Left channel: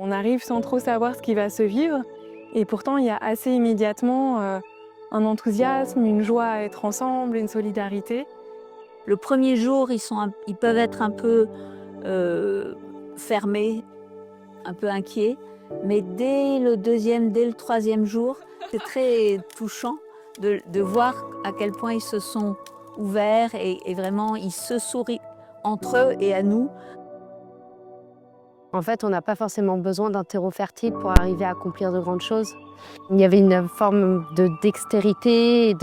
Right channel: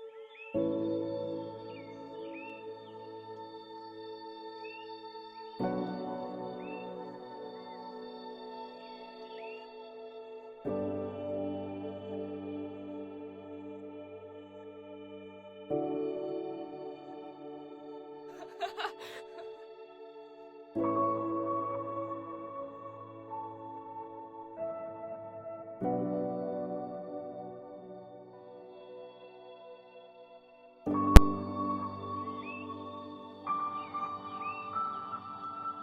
On arrive sans trop savoir ce qui va se vivre et pourtant il y a assez immédiatement un enthousiasme, une joie à être ensemble, une solidarité. Le premier jour, ils peuvent être un peu fermés, un peu inquiets, mais dès le deuxième, dès le troisième jour, c'est très touchant de voir à quel point ils se sont ouverts et vraiment ils se sourient entre eux et à nous. En fait, on n'a pas forcément besoin d'un terreau fertile pour arriver à accomplir de grandes choses. Il y avait une forme de dextérité et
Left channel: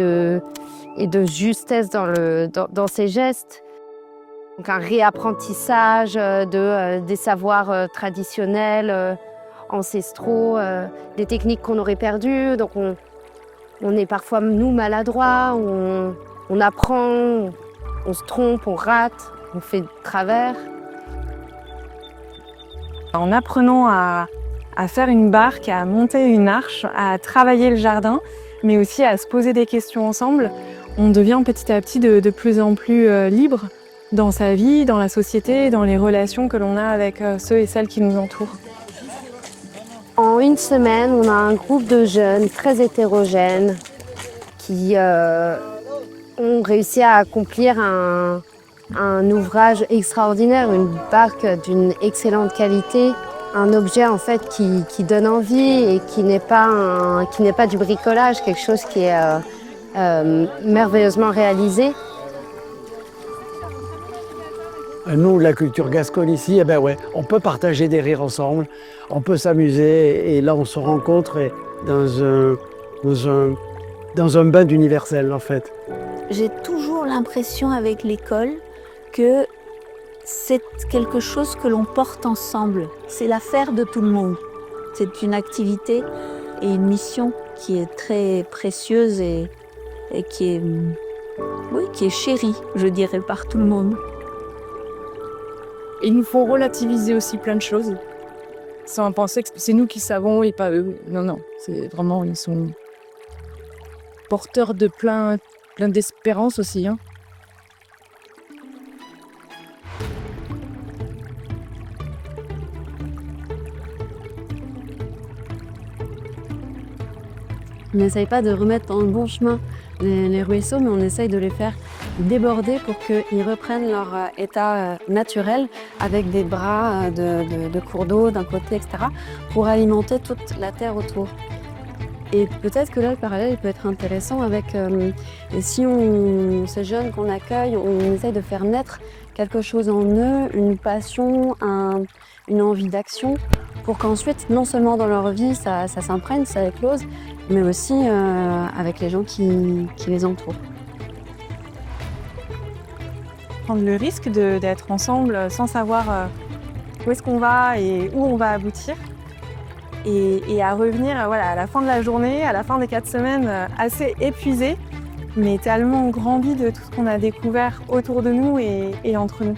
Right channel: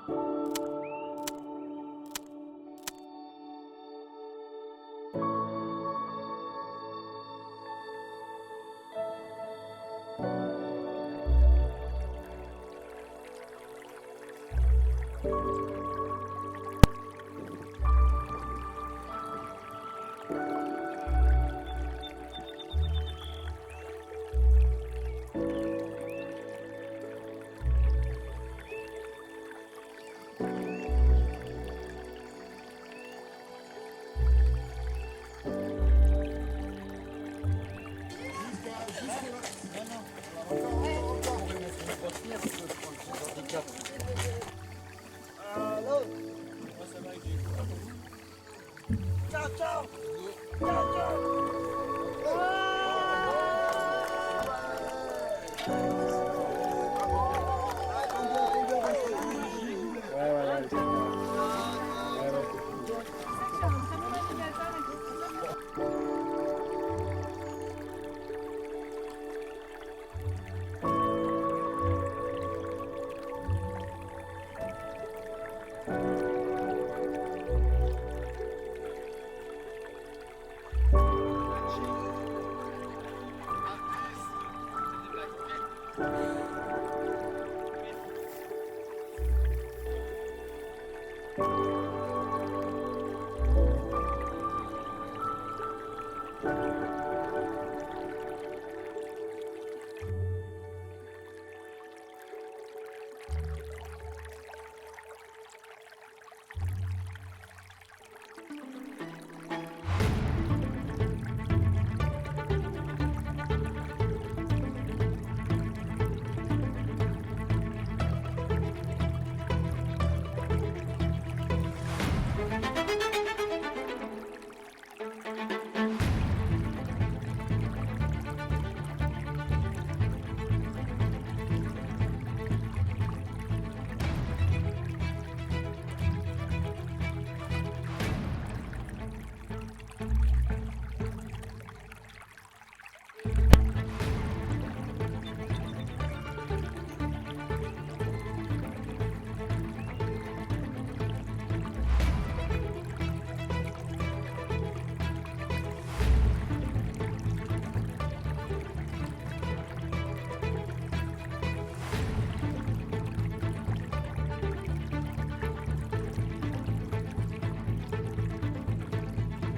de justesse dans ces gestes. Donc un réapprentissage des savoirs traditionnels, ancestraux, des techniques qu'on aurait perdues. Donc on est parfois, nous, maladroits, on apprend, on se trompe, on rate, on fait de travers. En apprenant à faire une barque, à monter une arche, à travailler le jardin, mais aussi à se poser des questions ensemble, on devient petit à petit de plus en plus libre dans sa vie, dans la société, dans les relations que l'on a avec ceux et celles qui nous entourent. En une semaine, on a un groupe de jeunes très hétérogènes qui ont réussi à accomplir un ouvrage extraordinaire, une barque d'une excellente qualité, un objet en fait qui donne envie et qui n'est pas du bricolage, quelque chose qui est merveilleusement réalisé. Nous, la culture gasconne ici, eh ben ouais, on peut partager des rires ensemble, on peut s'amuser et là on se rencontre dans un bain d'universel en fait. J'ai toujours l'impression avec l'école que c'est quelque chose que l'on porte ensemble. C'est l'affaire de tout le monde. C'est une activité et une mission qui est très précieuse et qui est chérie, je dirais, par tout le monde. Il nous faut relativiser aussi plein de choses, sans penser que c'est nous qui savons et pas eux. Non, non, c'est vraiment, ils sont porteurs de plein d'espérance aussi. Hein. On n'essaye pas de remettre dans le bon chemin les ruisseaux, mais on essaye de les faire déborder pour qu'ils reprennent leur état naturel avec des bras de cours d'eau d'un côté, etc., pour alimenter toute la terre autour. Et peut-être que là, le parallèle peut être intéressant avec, et si ces jeunes qu'on accueille, on essaye de faire naître quelque chose en eux, une passion, une envie d'action, pour qu'ensuite, non seulement dans leur vie, ça s'imprègne, ça éclose, mais aussi avec les gens qui les entourent. Prendre le risque d'être ensemble sans savoir où est-ce qu'on va et où on va aboutir. Et à revenir à la fin de la journée, à la fin des 4 semaines, assez épuisés, mais tellement grandis de tout ce qu'on a découvert autour de nous et entre nous.